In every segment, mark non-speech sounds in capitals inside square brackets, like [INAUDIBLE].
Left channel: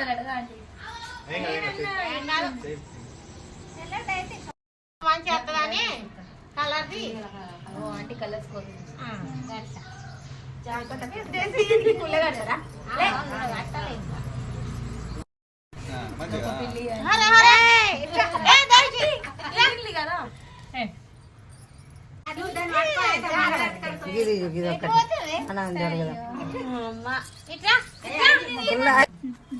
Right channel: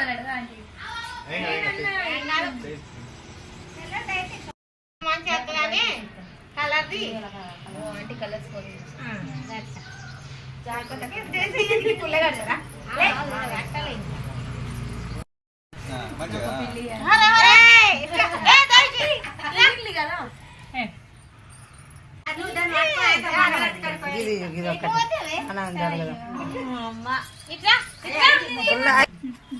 అన్నా అందరు కదా ఇట్లా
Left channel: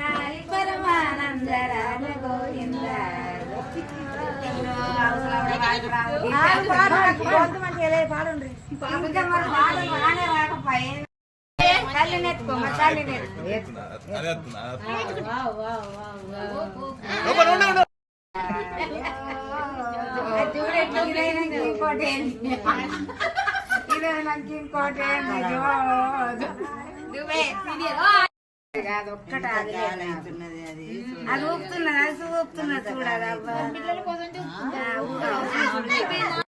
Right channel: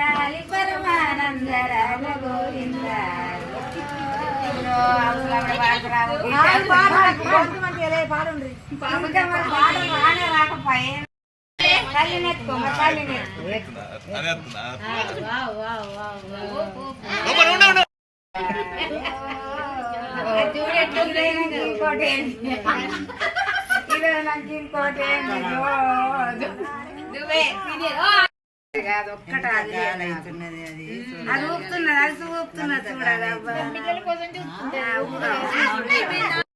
ఇంకోటే [LAUGHS] ఇంకోటే అది ఒక్కటే అది ఊపుతున్నది అది ఊపుతున్నది అది చూడాలి